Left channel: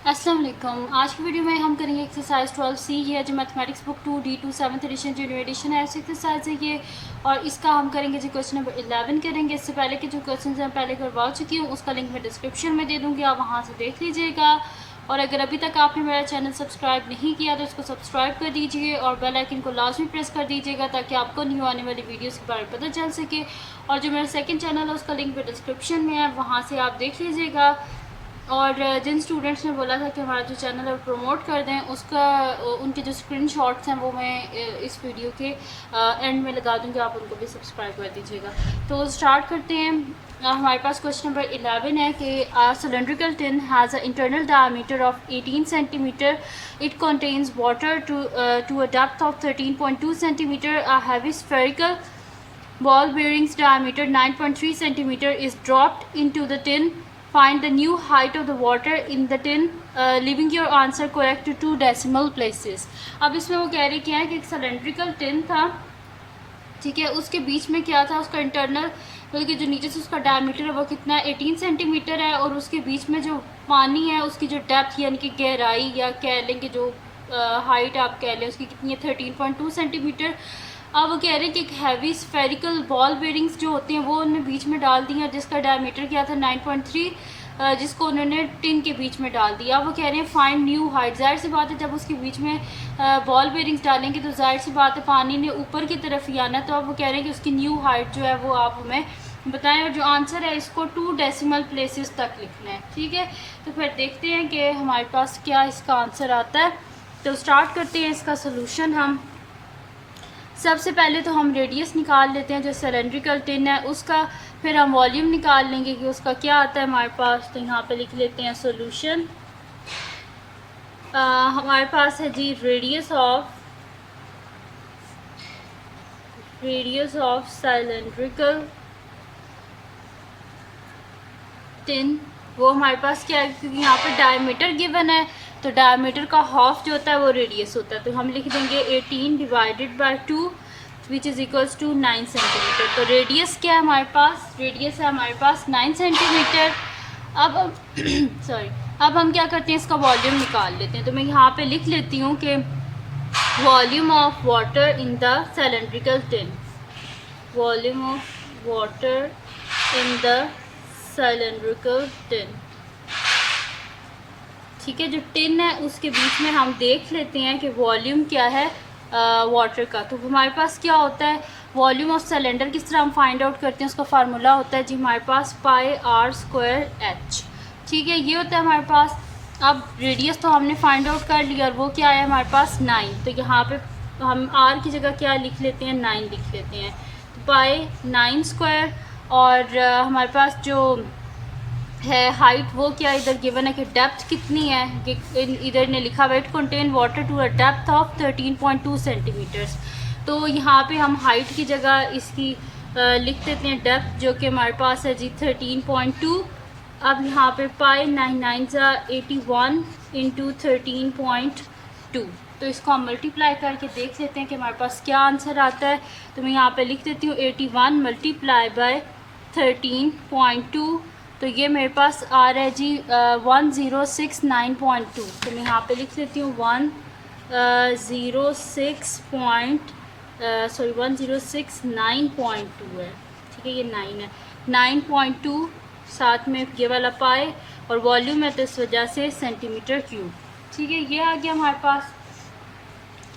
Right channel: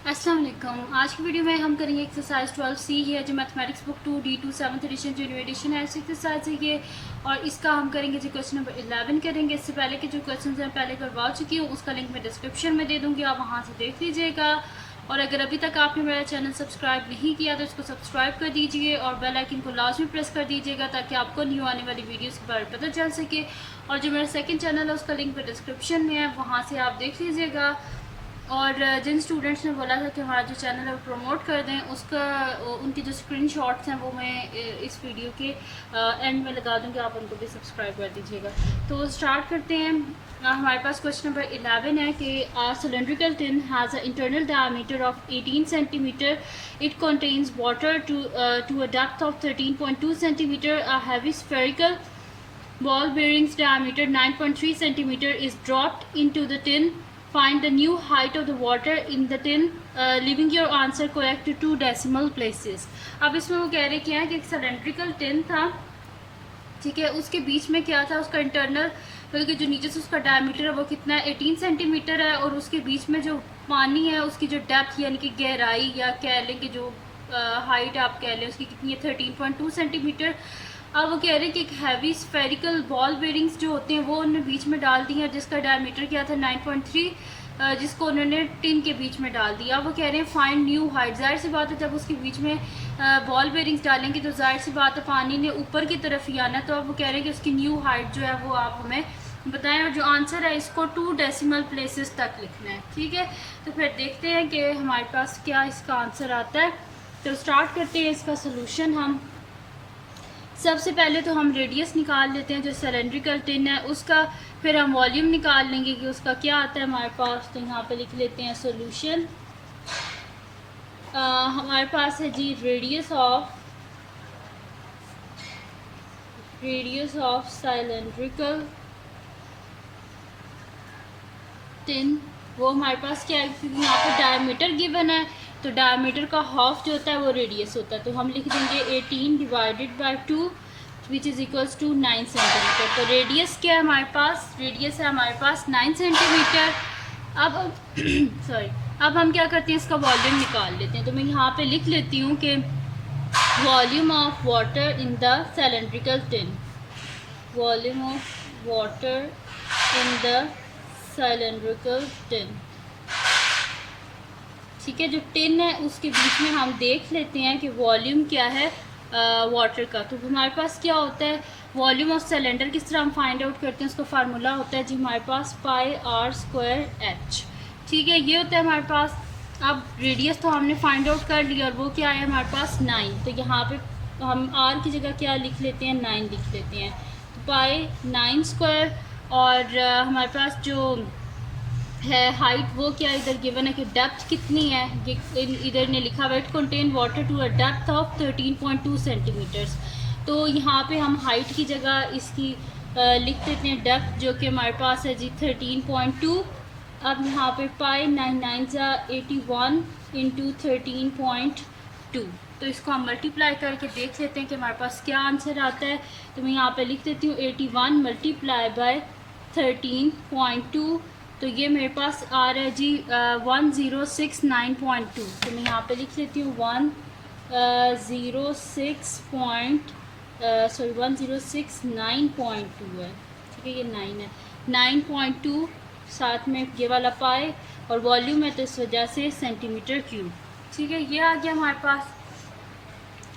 अस्सलाम वालेकुम। आज की वीडियो में हम करेंगे एक्सरसाइज 12C है जो mathematics book 2D2 7th edition जो न्यू एडिशन है, ऐसी एक्सरसाइज है ये। और इसका हम करेंगे जो क्वेश्चन नंबर 11 करेंगे। इससे पहले के जो क्वेश्चन हैं पहले करवा चुकी हूँ, उसका लिंक मैं डिस्क्रिप्शन में दे दूँगी, आप वहाँ से देख लीजिएगा। और अगर अभी तक आपने मेरा चैनल सब्सक्राइब नहीं किया तो इसको सब्सक्राइब कर दीजिए और बेल आइकन को लाजमी प्रेस कर दीजिएगा ताकि आपको न्यू आने वाली वीडियोस के बारे में पता चल सके। और जो मेरा सेकंड चैनल है उसका लिंक भी डिस्क्रिप्शन में है, वहाँ से आप देख लीजिएगा। और जिन स्टूडेंट्स ने बोला था कि हमारा जो चैनल है वो प्रमोट कर दें, उसका उनके जो स्क्रीनशॉट्स हैं वो मैं इस वीडियो के एंड में लगा दूँगी, आप उनको भी सब्सक्राइब कर दीजिएगा। तो स्टार्ट करते हैं। हमारे पास क्वेश्चन नंबर 11 है कि cylindrical tin has a internal diameter of 18 centimetre. It contains water to a depth of 13.2 centimetre. A heavy spherical ball bearings diameter 9.3 centimeter is dropped into the tin. Find the new height of the water in the tin, leaving your answer correct to 2 decimal places. अब इसमें वो कह रहे क्या है कि एक cylindrical tin था, ठीक है, उसके बीच में क्या था, उसका इंटरनल बल्कि जो नीचे से उसका डायमीटर है वो कितना है, 18 सेंटीमीटर है। और उसके बीच में जो पानी है उसकी जो डेप्थ यानी कि गहराई या कह लें कि जो हाइट आप कह लें उसकी कितनी है, 13.2 सेंटीमीटर। अब वो कह रहे हैं कि एक हैवी स्फेरिकल बॉल बेरिंग्स जो होते हैं वो उन्होंने बीच में डाल दी हैं, जिसका डायमीटर क्या था 9.3, जिसको उन्होंने टिन के बीच में डाल दिया। अब वो कह रहे हैं फाइंड न्यू हाइट। जाहिर सी बात है जब उसके बीच में बॉल बेरिंग्स डालेंगे तो जाहिर सी बात है पानी ने ऊपर की तरफ ही आना। तो अब वो कह रहे हैं कि उसकी न्यू हाइट जो है वो आप हमें बताएं, और जो आंसर है इसको 2 डेसिमल प्लेसेस तक लिखना है, ठीक है। तो फिर देखते हैं कि हमारे पास क्या इसका आंसर आता है। तो स्टार्ट करते हैं इसका सोल्यूशन। हम सबसे पहले तो हम रेडियस निकाल लेते हैं जो सिलेंड्रिकल टिन है उसका, फिर हम वॉल्यूम निकाल लेंगे कि उसका क्या आता है हमारे पास। तो यहाँ पे लिख लेते हैं सोल्यूशन। हमारे पास है जी रेडियस ऑफ सिलेंड्रिकल टिन, वो हमारे पास क्या है, क्योंकि यहाँ पे डायमीटर गिवन है तो डायमीटर का हाफ जो होता है वो रेडियस होता है। तो हम लिख देंगे 18 divided by 2 which is equals to 9 centimetre. तो रेडियस क्या है हमारे पास, रेडियस है हमारे पास 9 सेंटीमीटर। अब सॉरी, अब हम क्या करते हैं, इसका वॉल्यूम निकाल लेते हैं। तो मैं यहाँ पे लिख लेती हूँ कि volume of water in the cylindrical tin, volume of water in the cylindrical tin, ठीक है। जो टिन है उसके बीच में हम देख लेते हैं कि वॉल्यूम क्या है वाटर का। तो हमारे पास क्या होता है, वॉल्यूम ऑफ सिलेंडर किस तरह हम फाइंड आउट करते हैं, उसका फार्मूला होता है जी हमारे पास पाई आर स्क्वायर एच, ठीक है, ये होता है हमारे पास। अब रेडियस तो हमने फाइंड आउट कर लिया और वो क्या है हमारे पास 9। तो यहाँ पे हम आर की जगह क्या लिख लेते हैं, 9 लिख लेते हैं। तो पाई 9 स्क्वायर, और हमारे पास जो है हाइट वो क्या इधर गिवन है कि डेप्थ कितनी है, इधर ने लिखा हुआ it contain water to a depth of 13.2 centimetres. तो यहाँ पे हम हाइट की जगह इसकी लिख देते हैं डेप्थ, जो कि हमारे पास है जी 13.2। अब यहाँ पे पाई 9 9 सा 81 इंटू 13.2, तो इसको हम मल्टीप्लाई करके देख लेते हैं कि हमारे पास क्या आंसर आता है। तो मैं यहाँ पे लिख देती हूँ 81 मल्टीप्लाई बाय 13.2, तो ये मेरे पास आ रहा है जी 1069.2। तो मैं यहाँ पे लिख लेती हूँ 1069.2 है, ठीक है, ये 9 है, 9.2 साथ में ये वाला पाए और वॉल्यूम है तो इस वजह से सेंटीमीटर क्यूब, ठीक है, ये आ गया हमारे पास।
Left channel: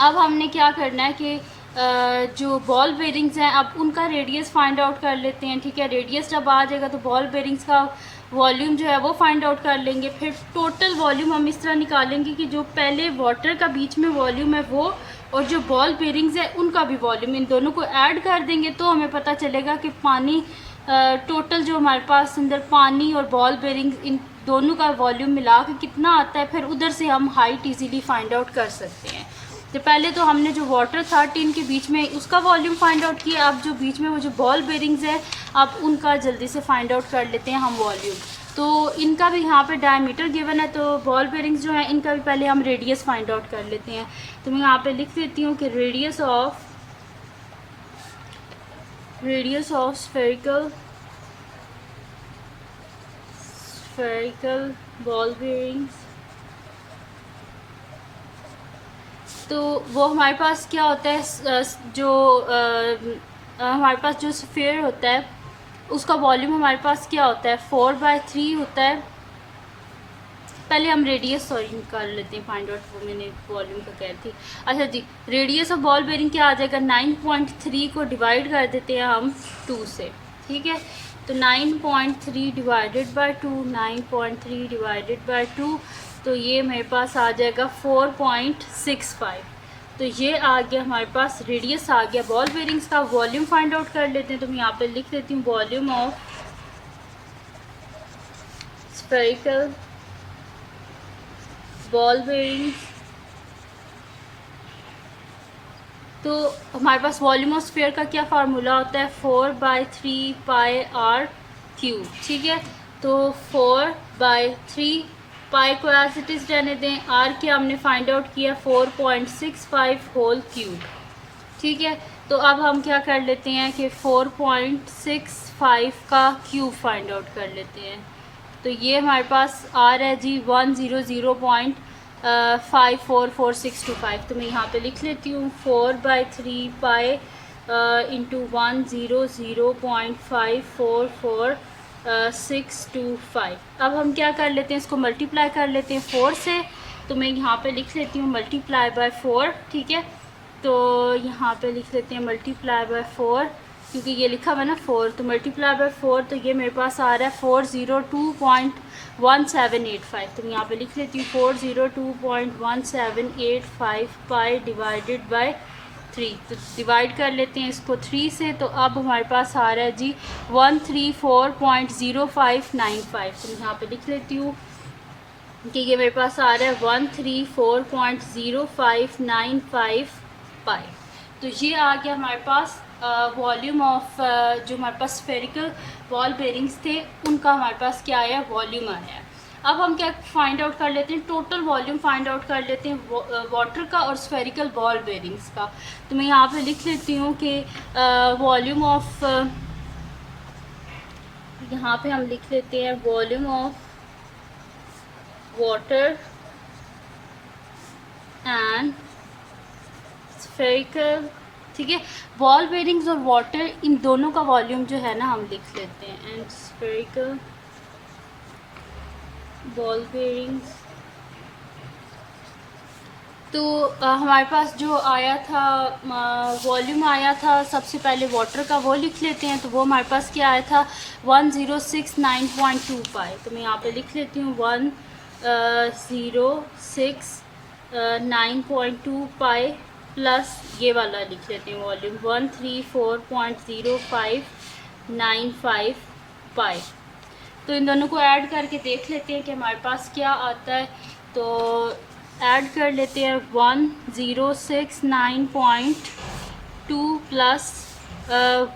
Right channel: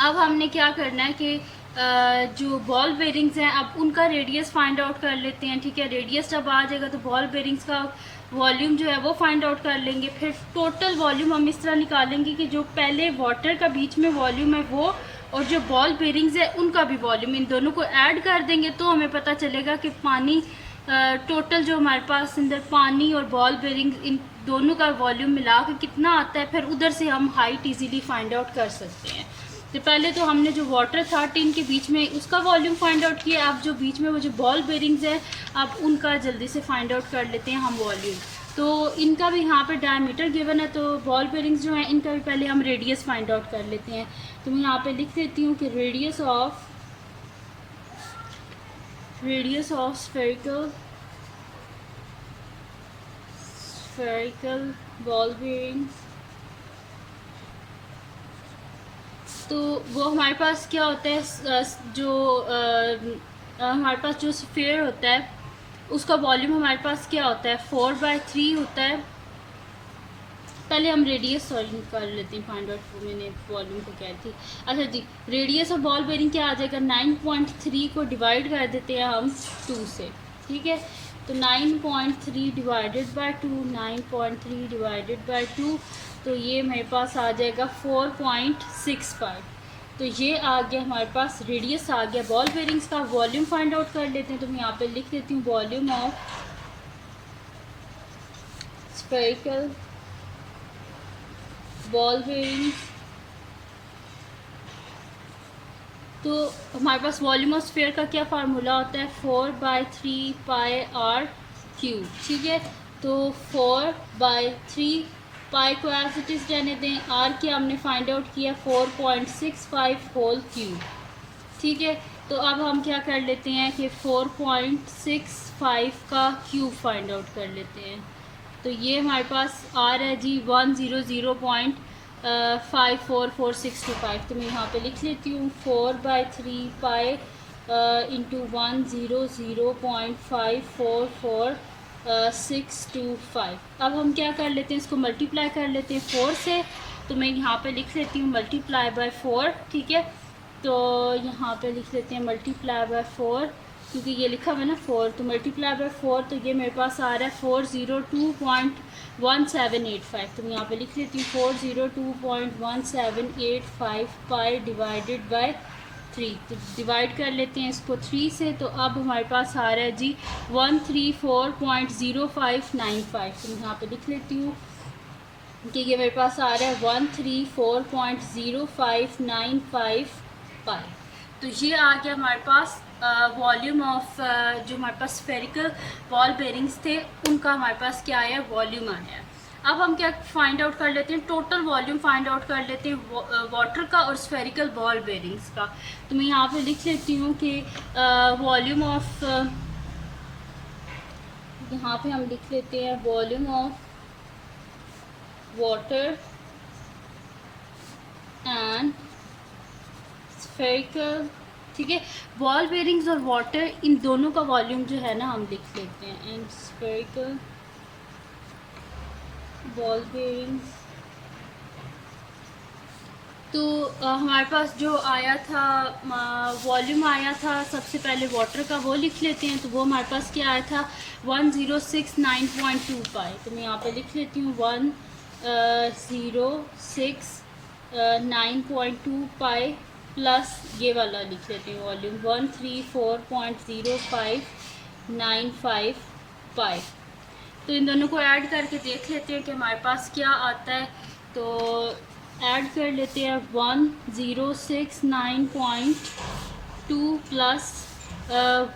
अब हमने क्या करना है कि जो बॉल बेरिंग्स हैं अब उनका रेडियस फाइंड आउट कर लेते हैं, ठीक है। रेडियस जब आ जाएगा तो बॉल बेरिंग्स का वॉल्यूम जो है वो फाइंड आउट कर लेंगे। फिर टोटल वॉल्यूम हम इस तरह निकालेंगे कि जो पहले वाटर का बीच में वॉल्यूम है वो और जो बॉल बेरिंग्स है उनका भी वॉल्यूम, इन दोनों को ऐड कर देंगे तो हमें पता चलेगा कि पानी टोटल जो हमारे पास अंदर पानी और बॉल बेरिंग्स इन दोनों का वॉल्यूम मिला के कितना आता है। फिर उधर से हम हाइट इजीली फाइंड आउट कर सकते हैं। तो पहले तो हमने जो वाटर था टिन के बीच में उसका वॉल्यूम फाइंड आउट किया, अब जो बीच में वो जो बॉल बेरिंग्स है अब उनका जल्दी से फाइंड आउट कर लेते हैं हम वॉल्यूम। तो इनका भी यहाँ पे डायमीटर गिवन है, तो बॉल बेरिंग्स जो हैं इनका भी पहले हम रेडियस फाइंड आउट कर लेते हैं। तो मैं यहाँ पे लिख देती हूँ कि radius of spherical ball bearings तो वो हमारे पास क्या होता है, जो हमारे पास जो स्फीयर होता है उसका वॉल्यूम हमारे पास क्या होता है, 4/3 होता है। पहले हम रेडियस सॉरी निकाल लेते हैं, फाइंड आउट, वो मैंने वॉल्यूम का कह रही थी। अच्छा जी, रेडियस ऑफ बॉल बेरिंग क्या आ जाएगा, 9.3 को डिवाइड कर देते हैं हम 2 से, ठीक है। तो 9.3 डिवाइडेड बाय 2, 9.3 डिवाइडेड बाय 2, तो ये मेरे पास आ जाएगा 4.65। तो ये आ गया हमारे पास, रेडियस आ गया बॉल बेरिंग्स का। वॉल्यूम फाइंड आउट कर लेते हैं, तो मैं यहाँ पे लिख देती हूँ volume of spherical ball bearings. तो हमारे पास वॉल्यूम ऑफ स्फीयर का क्या फार्मूला होता है, 4/3 पाई आर क्यूब, ठीक है। तो 4/3 पाई को एज इट इज़ रहने दें, आर के हमने फाइंड आउट किया 4.65 होल क्यूब, ठीक है। तो अब हम क्या कर लेते हैं कि 4.65 का क्यूब फाइंड आउट कर लेते हैं। तो ये हमारे पास आर है जी 100.544625। तो मैं यहाँ पे लिख लेती हूँ 4/3 पाई इंटू 100.544625। अब हम क्या कर लेते हैं, इसको मल्टीप्लाई कर लेते हैं 4 से। तो मैं यहाँ पे लिख लेती हूँ मल्टीप्लाई बाय 4, ठीक है। तो यहाँ पे लिख लेते हैं मल्टीप्लाई बाय 4, क्योंकि ये लिखा हुआ है ना 4, तो मल्टीप्लाई बाय 4, तो ये मेरे पास आ रहा है 402.1785। तो मैं यहाँ पे लिख लेती हूँ 402.1785 पाई डिवाइडेड बाय 3। तो डिवाइड कर लेते हैं इसको 3 से। तो अब हमारे पास आ रहा है जी 134.0595। तो मैं यहाँ पे लिख लेती हूँ कि ये मेरे पास आ रहा है 134.0595 पाई। तो ये आ गया हमारे पास वॉल्यूम ऑफ जो हमारे पास स्फेरिकल बॉल बेरिंग्स थे उनका हमारे पास क्या आया, वॉल्यूम आया। अब हम क्या फाइंड आउट कर लेते हैं, टोटल वॉल्यूम फाइंड आउट कर लेते हैं वाटर का और स्फेरिकल बॉल बेरिंग्स का। तो मैं यहाँ पे लिख लेती हूँ कि वॉल्यूम ऑफ, यहाँ पे हम लिख लेते हैं volume of water and spherical, ठीक है। बॉल बेरिंग्स और वाटर, इन दोनों का वॉल्यूम जो है ना हम लिख लेते हैं, एंड स्फेरिकल बॉल बेरिंग्स। तो हमारे पास जो आया था वॉल्यूम आया था सबसे पहले वाटर का, वो लिख लेते हैं। तो वो हमारे पास क्या आया था 1069.2 पाई। तो मैं यहाँ पे लिख लेती हूँ 1069.2 पाई प्लस ये वाला लिख लेते हैं वॉल्यूम 134.0595 पाई। तो इन दोनों को ऐड करके देख लेते हैं कि हमारे पास क्या आता है। तो ऐड कर लेते हैं 1069.2 प्लस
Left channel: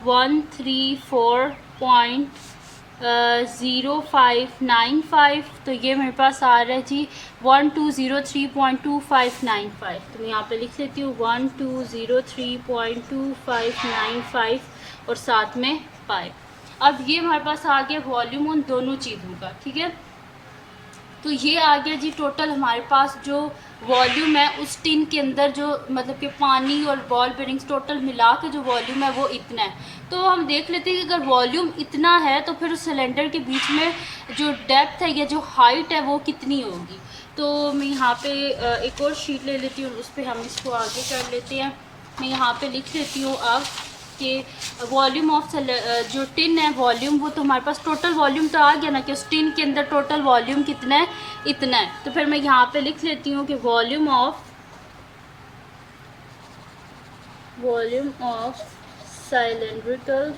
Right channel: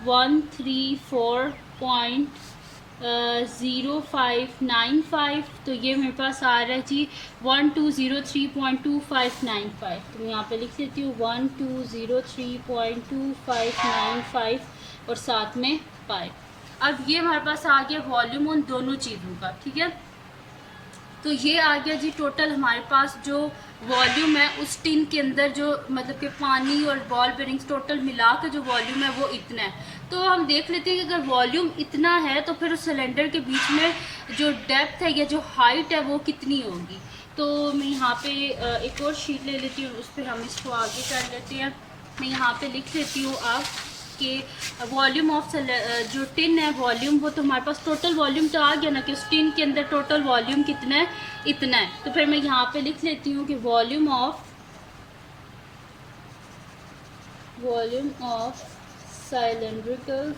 134.0595। तो ये मेरे पास आ रहा है जी 1203.2595। तो मैं यहाँ पे लिख लेती हूँ 1203.2595 और साथ में पाई। अब ये हमारे पास आ गया वॉल्यूम उन दोनों चीज़ों का, ठीक है। तो ये आ गया जी टोटल हमारे पास जो वॉल्यूम है उस टिन के अंदर, जो मतलब कि पानी और बॉल बेरिंग्स टोटल मिला के जो वॉल्यूम है वो इतना है। तो हम देख लेते हैं कि अगर वॉल्यूम इतना है तो फिर उस सिलेंडर के बीच में जो डेप्थ है या जो हाइट है वो कितनी होगी। तो मैं यहाँ पे एक और शीट ले लेती हूँ, उस पर हम इसको आगे कर लेते हैं। मैं यहाँ पे लिख लेती हूँ अब कि वॉल्यूम ऑफ जो टिन है वॉल्यूम, वो तो हमारे पास टोटल वॉल्यूम तो आ गया ना कि उस टिन के अंदर टोटल वॉल्यूम कितना है, इतना है। तो फिर मैं यहाँ पे लिख लेती हूँ कि वॉल्यूम ऑफ सिलेंड्रिकल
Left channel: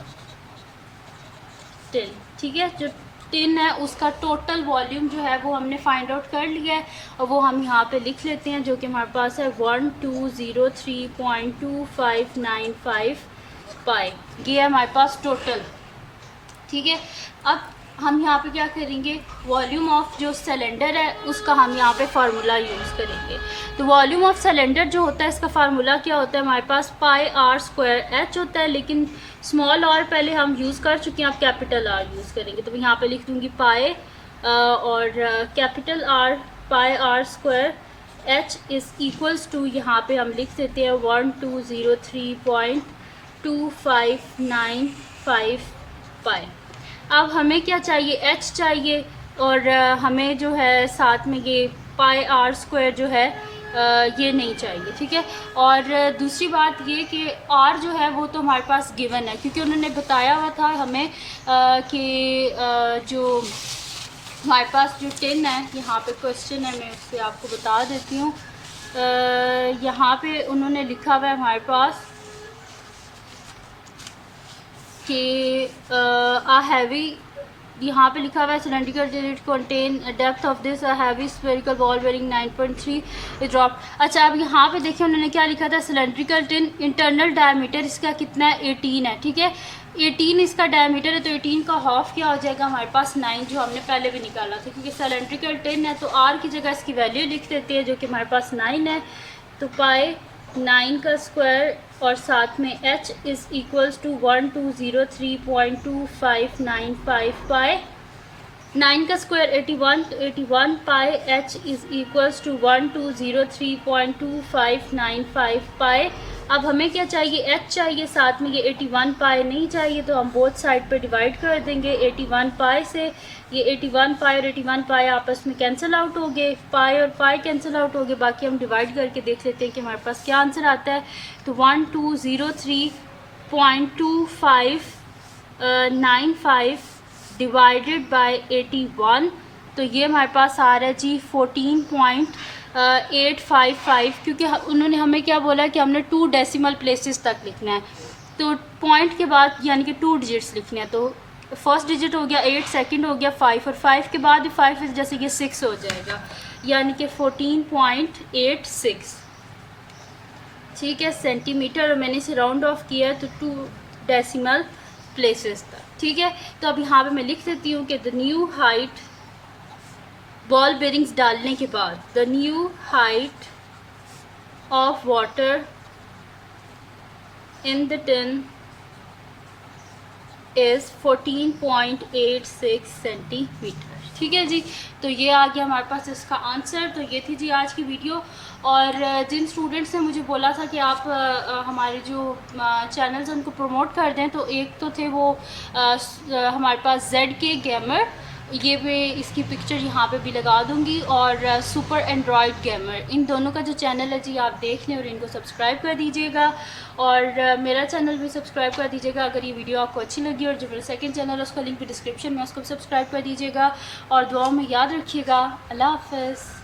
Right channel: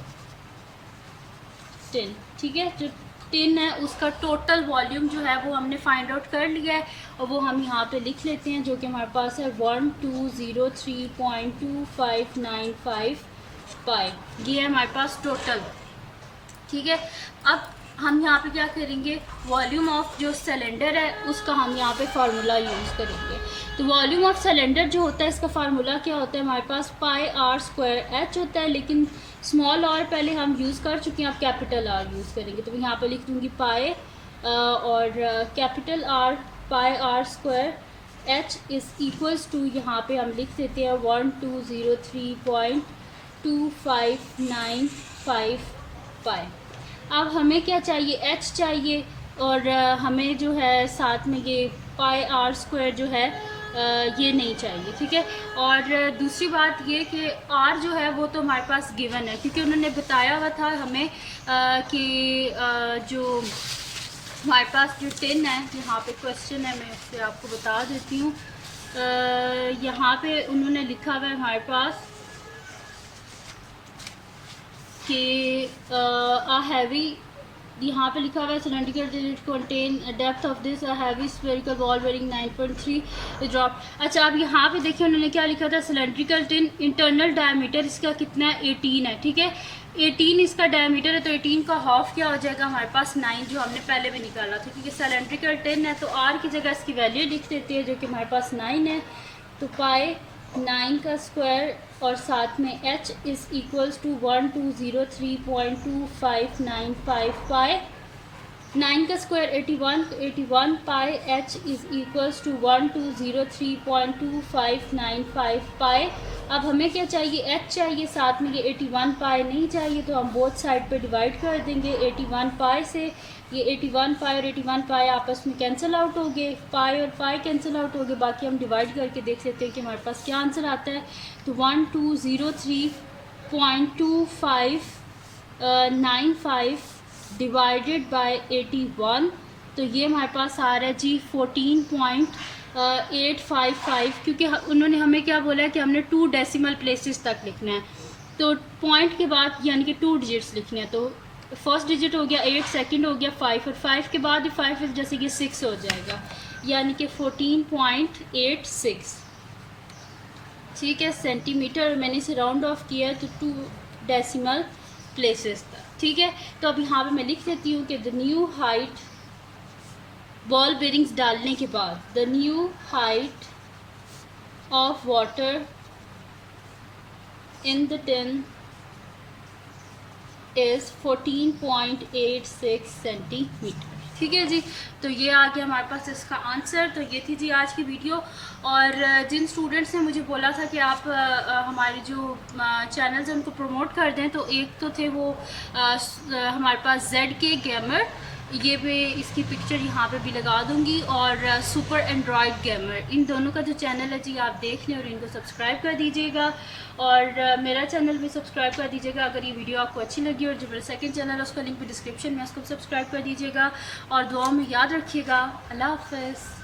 टिन, ठीक है। जो टिन है उसका टोटल वॉल्यूम जो है वो हमने फाइंड आउट कर लिया है और वो हम यहाँ पे लिख लेते हैं, जो कि हमारे पास है 1203.2595 पाई। ये है हमारे पास टोटल, ठीक है। अब हम यहाँ पे क्या करेंगे, वॉल्यूम ऑफ जो सिलेंडर है उसका हम यहाँ पे फार्मूला यूज़ करेंगे। तो वॉल्यूम ऑफ सिलेंडर जो होता है इसका फार्मूला क्या होता है, हमारे पास पाई आर स्क्वायर एच होता है, लेकिन स्मॉल आर पहले हम यूज़ कर चुके हैं, आप कैपिटल आर यूज़ करेंगे। तो मैं यहाँ पे लिख दूँगी पाई और capital R pi R square h is equals to, यहाँ पे हम लिख देते हैं 1203.2595 पाई। अब हमें क्या चाहिए, h चाहिए, और हमें जो है साथ में ये पाई आर स्क्वायर जो है ये नहीं चाहिए, ठीक है। और दूसरी बात ये कि r जो है वो तो हमारे पास गिवन है, क्योंकि उन्होंने बताया हुआ था हमें कि जो हमारे पास जो 10 है, यहाँ पे क्वेश्चन है, मैं उससे आपको बता देती हूँ। यहाँ पे उन्होंने लिखा हुआ है हमारे पास कि आ हैवी, यहाँ पे लिखा हुआ है cylindrical tin it contain depth of this heavy spherical ball wearing 9.3 drop. अच्छा, अब यहाँ पे देखिए उन्होंने क्या लिखा था, सिलेंड्रिकल टिन इंटरनल डायमीटर इसका कितना है, 18 है, ठीक है। 18 इसका डायमीटर है, तो 18 का हाफ क्या हो जाएगा हमारे पास 9, जो हमने पहले भी निकाला था, क्योंकि सिलेंड्रिकल टिन है तो आर की जगह इसकी वैल्यू लिख देते हैं जो कि हमारे पास 9 है। तो पाई 9 का स्क्वायर और साथ में h इज़ इक्वल्स टू 1203.2595 पाई। 9 का स्क्वायर 81, तो 81 पाई h इज़ इक्वल्स टू 1203.2595 पाई। अब हमें क्या चाहिए, h चाहिए, साथ में ये 81 पाई नहीं चाहिए, तो हम बोथ साइड पे डिवाइड कर देंगे 81 पाई से। ये 81 पाई और 81 पाई आपस में कैंसिल आउट हो गए, पाई और पाई कैंसिल आउट हो गए। बाकी हम डिवाइड करके देख लेते हैं कि हमारे पास क्या आंसर आता है। तो 1203.2595 डिवाइडेड बाय 81, तो ये हमारे पास आ रहा है जी 14.855, क्योंकि उन्होंने हमें क्या बोला कि हमने 2 डेसिमल प्लेसेस तक लिखना है, तो पॉइंट के बाद यानी कि 2 डिजिट्स लिखने हैं। तो फर्स्ट डिजिट हो गया 8, सेकंड हो गया 5, और 5 के बाद भी 5 जैसे कि 6 हो जाएगा, यानी कि 14.86, ठीक है, सेंटीमीटर। और मैंने इसे राउंड ऑफ किया तो 2 डेसिमल प्लेसेस तक, ठीक है। तो अब यहाँ पे मैं लिख देती हूँ कि the new height ball bearings डालने के बाद, the new height of water in the tin is 14.86 centimetre, ठीक है जी। तो ये आ गया हमारे पास इसका आंसर। तो ये थी जी आज की वीडियो। और जिन स्टूडेंट्स ने मुझे बोला था कि आप हमारे जो चैनल्स हैं उनको प्रमोट कर दें, तो एक तो थे वो हमारे पास ZK गेमर, ये मैं इसकी पिक्चर यहाँ पे भी लगा दूँगी, और सुपर एंड्रॉयड गेमर, इन दोनों का जो चैनल है जी आप देख लें और इनको सब्सक्राइब कर दीजिएगा। और मेरा चैनल भी सब्सक्राइब कर दीजिएगा अगर ये वीडियो आपको अच्छी लगी। और जो मेरा सेकंड चैनल है उसका लिंक भी डिस्क्रिप्शन में, उसको भी सब्सक्राइब कर दीजिएगा। और दुआओं में याद रखिएगा। अल्लाह हाफ़िज़।